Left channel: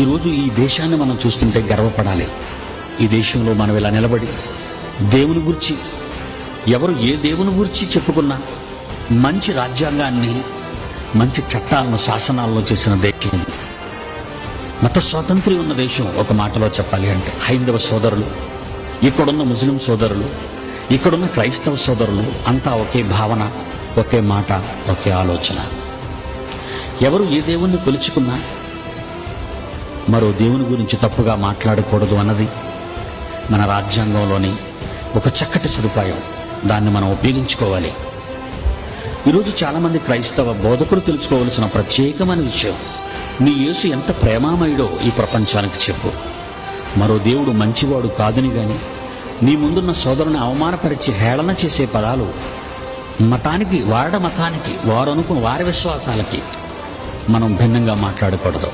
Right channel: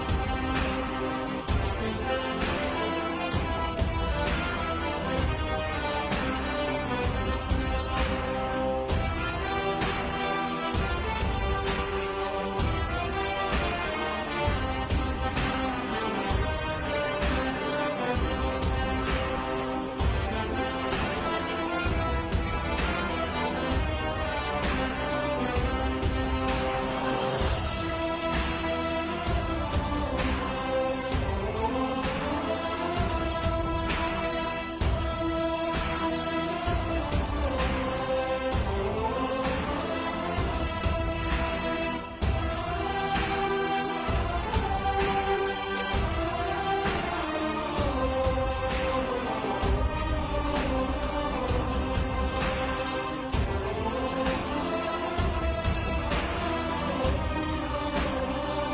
ఈరోజు ఈ దేశాన్ని మనం చూస్తుంటే గర్వపడాలి. ఈ దేశంలో మనం ఇలా నిలబడి దేవుని గురించి, ఎవరు ఏ దేవుని గురించి చెప్పుకున్నా మంచి రాజ్యాంగాన్ని, మంచి చట్టాలను, శాసనాలను చేసిన దేశం, మత స్వాతంత్ర్యం ఉన్న దేశం. ఒక మాటలో చెప్పాలి అంటే హైందవ సోదరులు, ఇక్కడున్న ముస్లిం సోదరులు, ఇక్కడున్న క్రైస్తవ సోదరులు అంతా ఒకే భావన, ఒకే మాట, ఒకే ఆలోచన. ఎవరు ఏ దేవుణ్ణి కొలుచుకున్నా మరో దేవుని గురించి తప్పుగా మాట్లాడకూడదు అన్నది మన రాజ్యాంగంలోని ఒక చక్కటి సదుపాయం. దాన్ని మనం ఉపయోగించుకోవాలి. ఈరోజు చాలామంది క్రైస్తవ బోధకులు తెలుసుకోవలసిన ప్రత్యేకమైన విషయం, నీ యేసు ఎంత ప్రేమామయుడో ఈ ప్రపంచానికి చెప్పు. మరో దేవుడు మంచివాడు కాదని గాని నీ ముందున్న సోదరుని అవమానపరిచి హేళన చేసే పదాలు మతానికి, వారి మతానికి, వారు అనుకున్న వారి విశ్వాసాలకి మనం భిన్నంగా మాట్లాడకూడదు.